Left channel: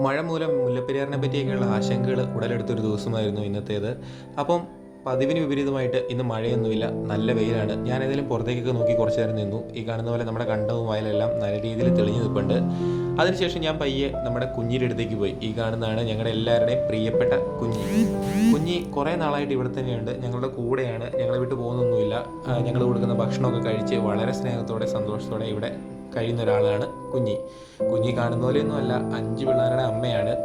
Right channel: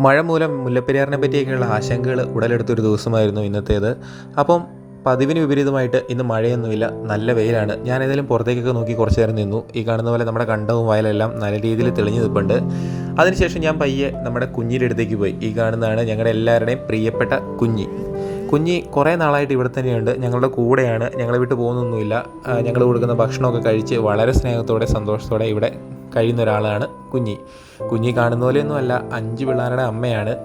മഴ മൂലം മുല്ലപ്പെരിയാറിനെ പറ്റിയൊക്കെയുള്ള ആശങ്കകൾ ഉടലെടുത്തൊരു ദിവസമായിരുന്നു ഇന്നത്തേത്. അപ്പം പതിവിന് വിപരീതമായിട്ട് ഇന്ന് മഴയൊന്നുമില്ല നല്ല വെയിലാണ്. ഞാൻ ഏതായാലും പുറത്തേക്കൊക്കെ നോക്കി കുറച്ച് നേരം നിന്നു. ഈ കാണുന്ന പോലെ നമ്മുടെ കണ്ടവും വയലെല്ലാം നല്ല രീതിയിൽ തെളിഞ്ഞു നിൽപ്പുണ്ട്. അതിനുശേഷം ഞാൻ പയ്യെ നമ്മുടെ കുഞ്ഞിന്റെ അടുത്തേക്ക് പോയി. ഈ കാണുന്നതാണ് ഞങ്ങളുടെ എല്ലാവരുടെയും പ്രിയപ്പെട്ട കുഞ്ഞി. കുഞ്ഞി കുറേ നാളായിട്ട് ഇവിടെ തന്നെയുണ്ട്. ഞങ്ങളുടെ കൂടെയാണ്. ഞങ്ങളെ വിട്ട് പോകുന്നൊന്നുമില്ല. ഞങ്ങൾ കൊടുക്കുന്ന ഭക്ഷണമൊക്കെ കഴിച്ച് വളരെ സ്നേഹത്തോടെ സന്തോഷത്തോടെ ഇവിടെ കഴിയുന്ന ഒരാളാണ് കുഞ്ഞി. കുഞ്ഞി കാണുന്ന പോലെയൊന്നും അല്ല അഞ്ച് പിള്ളേരുടെ അമ്മയാണ്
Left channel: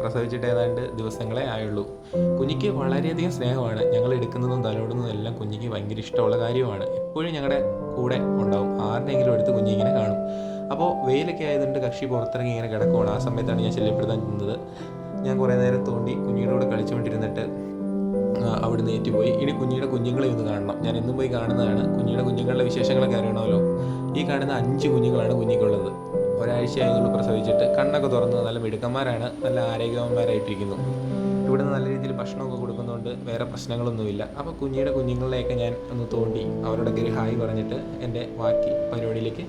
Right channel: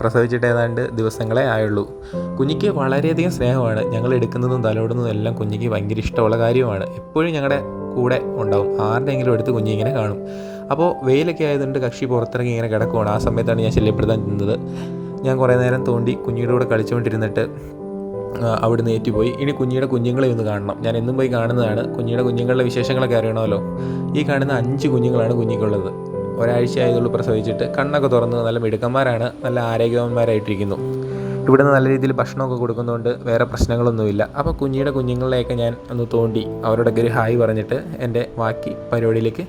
പ്രസവിച്ചിട്ട് ഏതാണ്ട് ദിവസങ്ങളെ ആയുള്ളൂ. കുഞ്ഞിക്ക് വളരെയധികം സ്നേഹമാണ്. ഞങ്ങൾ എടുക്കുന്നതും തലോടുന്നതും എല്ലാം കുഞ്ഞിക്ക് ഭയങ്കര ഇഷ്ടമുള്ള കാര്യമാണ്. എപ്പോഴും ഞങ്ങളുടെ കൂടെ ഉണ്ടാവും. ആരുടെയെങ്കിലും എടുത്ത് കുഞ്ഞി ഇങ്ങനെ കാണും. അപ്പോൾ വെയിലൊക്കെ ആയതുകൊണ്ട് കക്ഷി പുറത്തിറങ്ങി ഇങ്ങനെ കിടക്കുവാണ്. ആ സമയത്താണ് ഞാൻ ശല്യപ്പെടുത്താൻ നിന്നത്. ഞാൻ കുറേ നേരം തോണ്ടി കുഞ്ഞിയുടെ കൂടെ കളിച്ചുകൊണ്ടിരുന്നിട്ട് അവിടുന്ന് ഏറ്റുപോയി. ഇനി കുഞ്ഞിയുടെ കുഞ്ഞുങ്ങളെ ഒന്ന് കാണണം. ഞാൻ എന്നും പോയി കാണുന്നതാണ്. കുഞ്ഞിയുടെ കുഞ്ഞുങ്ങളുടെ വിശേഷങ്ങളൊക്കെ അറിയണമല്ലോ. ഈ കാണുന്ന അഞ്ച് കുഞ്ഞുങ്ങളാണ് കുഞ്ഞിക്കുള്ളത്. ഒരാഴ്ച പ്രസവിച്ചിട്ട്. കണ്ണൊക്കെ തുറന്ന് നല്ല മിടുക്കന്മാരാണ്. നല്ല ആരോഗ്യവാന്മാരായിട്ടിരിക്കുന്നു. ഇവിടുന്ന് നല്ല രീതിയിൽ ഭക്ഷണമൊക്കെ കൊടുക്കുന്നതുകൊണ്ട് വേറെ പ്രശ്നങ്ങളൊന്നുമില്ല. അപ്പോൾ കുഞ്ഞിയുടെ കുഞ്ഞുങ്ങളെയൊക്കെ ഞാൻ ഒന്ന് തോണ്ടി അവരോടൊക്കെ ഒരു ഹായ് പറഞ്ഞിട്ട് എന്റെ ബാക്കി പരിപാടിയിലേക്ക്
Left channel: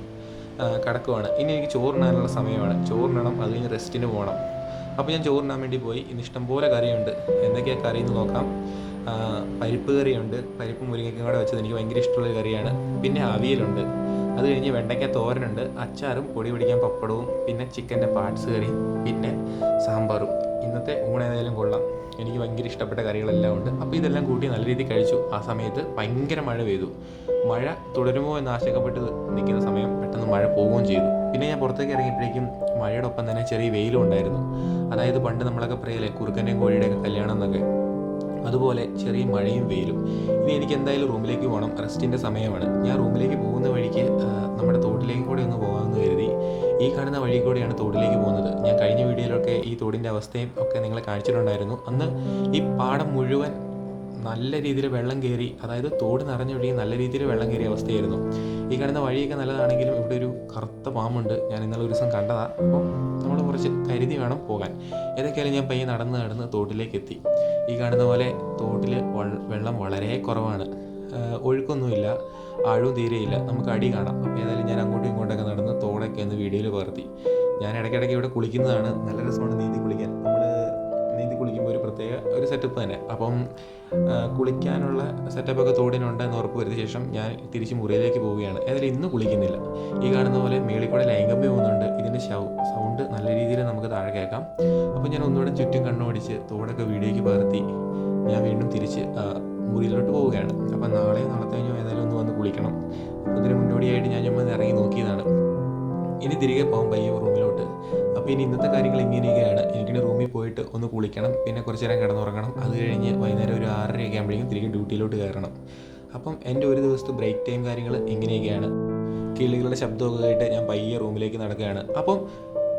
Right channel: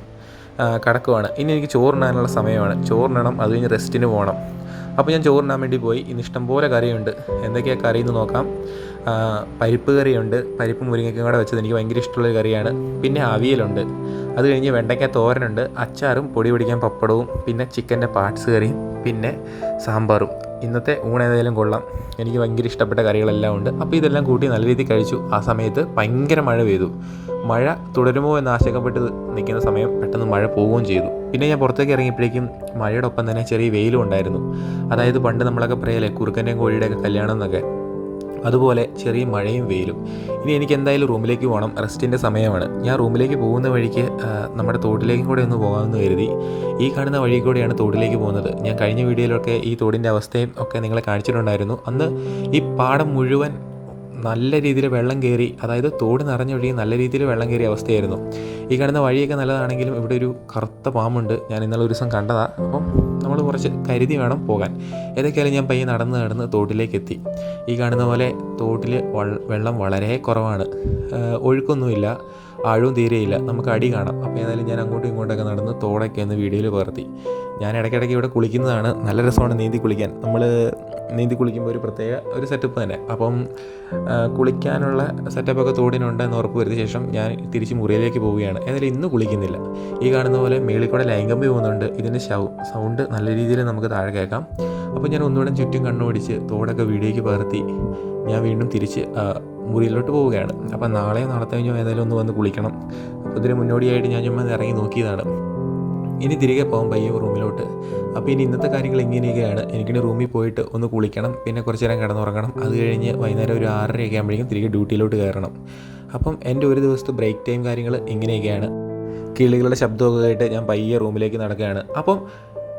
കടക്കുവാണ്. ഇനി എനിക്ക് ചോറിനാനുള്ള സമയമാണ്. ചോറിനണം അത് കഴിഞ്ഞ് റെസ്റ്റിന് പോകണം. അപ്പോൾ ഞാൻ ചോറിനാൻ വേണ്ടി പോയി. ഇന്ന് ഇഷ്ടംപോലെ കറിയുണ്ട്. എന്തൊക്കെയാണ് കറി എന്ന് നോക്കാം. പരിപ്പ് കറിയുണ്ട്. പരിപ്പ് മുരിങ്ങയ്ക്കും കൂടെ വെച്ചത് എനിക്ക് ഭയങ്കര ഇഷ്ടമുള്ള കറിയാണ്. പിന്നെ അവിയലുണ്ട്. അത് കഴിഞ്ഞ് വെണ്ടയ്ക്ക തോരനുണ്ട്. അച്ചാറും പൊടി പിടിക്കാൻ പപ്പടവും പിന്നെ ചിക്കന്റെ പാർട്സ് കറി പിന്നെ സാമ്പാറും. ഇന്നത്തെ ഊണ് ഏതായാലും കൊള്ളാം. എനിക്ക് ഭയങ്കര ഇഷ്ടപ്പെട്ട കറികളെല്ലാം ഉണ്ട്. അപ്പോൾ ഇതെല്ലാം കൂട്ടി നല്ല രീതിയിൽ കഴിച്ചു. ആ സമയത്ത് ഭയങ്കര മഴ പെയ്തു. മഴ തുടരുമോ എന്ന് ആശങ്കപ്പെട്ട് നിൽക്കുന്ന സമയം പെട്ടെന്ന് മഴ പോവുകയും ചെയ്തു. പിന്നെ ഞാൻ പുറത്തേക്ക് ഇറങ്ങിയപ്പോഴേക്കും മഴയുടെ ഒപ്പം തന്നെ ചെറിയ വെയിലും ഉണ്ടായിരുന്നു. അതായത് പണ്ട് നമ്മളൊക്കെ പറയലേ കുറുക്കന്റെയും കോഴിയുടെയൊക്കെ കല്യാണം എന്നൊക്കെ. അതുപോലെ ചെറിയ മഴയും വെയിലും. ഇനി എനിക്ക് എന്തായാലും റൂമിലേക്ക് പോകണം. റെസ്റ്റിന്റെ സമയമാണ്. ഞാൻ റൂമിലേക്ക് പോകുന്ന വഴിക്ക് നമ്മുടെ തോട്ടിലേക്കും കൂടെ ഒന്ന് പോകാമെന്ന് കരുതി. ഈ കാണുന്ന വഴി കൂടെയാണ് തോട്ടിലേക്ക് പോകുന്നത്. ഞാൻ കഴിഞ്ഞ വീഡിയോയിലൊക്കെ ഈ തോടിന്റെ അവസ്ഥയും ഒക്കെ നിങ്ങളെ കാണിച്ചിട്ടുണ്ടായിരുന്നു. അന്ന് ഈ പാടം മുഴുവൻ നല്ല രീതിയിൽ വെള്ളം കയറി അതായത് തോട് നിറഞ്ഞൊഴുകി നല്ല രീതിയിൽ വെള്ളം കയറിയ അവസ്ഥയായിരുന്നു. ഈ കാണുന്ന വഴിയൊക്കെ നല്ലതാണെങ്കിലും ഇവിടെ ഒരു കറുത്ത പാമ്പുണ്ട്. ഞാൻ ഇന്നലെ ഒരു ദിവസം കണ്ടതാണ് അപ്പം നമ്മൾ കുറച്ച് കരുതി വേണം പോകാൻ. ഏതൊക്കെയാലും ഞാൻ പയ്യെ നടന്ന് നടന്ന് തോട്ടിലേക്ക് എത്തി ഈ കാണുന്ന പോലെ തോട്ടിൽ വെള്ളം വളരെ കുറവാണ്. ഒഴുക്കൊന്നുമില്ല. ആഴവും തീരെയില്ല. നമുക്ക് അടി കാണാം. അപ്പോൾ ഏതായാലും ഞാൻ അങ്ങോട്ടും ഇങ്ങോട്ടൊക്കെ നടന്ന് തോടൊക്കെ ഒന്ന് വീഡിയോയിൽ പകർത്തി. ഞാൻ ഇടയ്ക്കിടയ്ക്ക് ഇവിടെ കുളിക്കുന്നതാണ്. നല്ല രസമാണ് നീന്തി കുളിക്കാൻ. നമ്മൾ നീന്തി കുളിക്കുമ്പോൾ ഒരു പ്രത്യേക ഒരു സെറ്റപ്പ് തന്നെ. അപ്പം കുളിക്കാനുള്ള സെറ്റപ്പൊക്കെ തോടിനുണ്ടെന്ന് ഉറപ്പ് വരുത്തിയ ശേഷം ഞാൻ തിരിച്ച് മുറിയിലേക്ക് പോവുകയാണ്. ഏതായാലും ഇന്ന് കുളിക്കുന്നില്ല. ഈ കാണുന്ന പോലെ മേളിൽ കൂടെ ലൈംഗമ്പി പോകുന്നുണ്ട്. ഇതിന്റെ സൗണ്ട് നല്ല രീതിയിൽ നമുക്ക് താഴെ കേൾക്കാം. അപ്പോൾ ഞാൻ ഒന്നുകൂടെ ചുറ്റും കണ്ണോടിച്ച് തോടൊക്കെ വീഡിയോയ്ക്ക് പകർത്തി ഞാൻ വീണ്ടും തിരിച്ച് മുറിയിലോട്ട് പോവുകയാണ്. അപ്പോൾ നാളെ നാളത്തെ കഴിഞ്ഞോ ഏതായാലും ഒന്ന് വന്ന് കുളിക്കണം. അപ്പോൾ ഇതിന് മുന്നോടിയായിട്ട് ഞാൻ ചുമ്മാ ഇറങ്ങി നോക്കിയതാണ്. ഇനി തിരികെ പോകാം പയ്യ റൂമിലോട്ട്. അപ്പോൾ ഇനി ഇന്നത്തെ കാര്യങ്ങൾ ഇങ്ങനെയൊക്കെയാണ്. എനിക്കിനി റൂമിൽ പോയിട്ട് ഒന്ന് കുളിക്കണം പിന്നെ കുറച്ച് നേരം കിടന്നുറങ്ങണം. അത് കഴിഞ്ഞ് വൈകുന്നേരം ഒരു ആറരയൊക്കെ ആകുമ്പോഴേക്കും തിരികെ ഡ്യൂട്ടിയിലോട്ട് കയറണം. അപ്പം എന്റെ ഒരു ദിവസത്തെ ബ്രേക്ക് ടൈം കാര്യങ്ങൾ ഇങ്ങനെയൊക്കെയാണ്. കിളികളുടെ ശബ്ദമൊക്കെ കേട്ട് ഞാൻ പയ്യെ റൂമിലേക്ക് നടക്കുകയാണ്. അപ്പം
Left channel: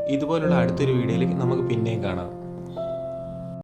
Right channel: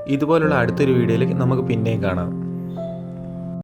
ഇതുപോലുള്ള അടുത്തൊരു വീഡിയോയിൽ നമുക്ക് പിന്നെയും കാണാം.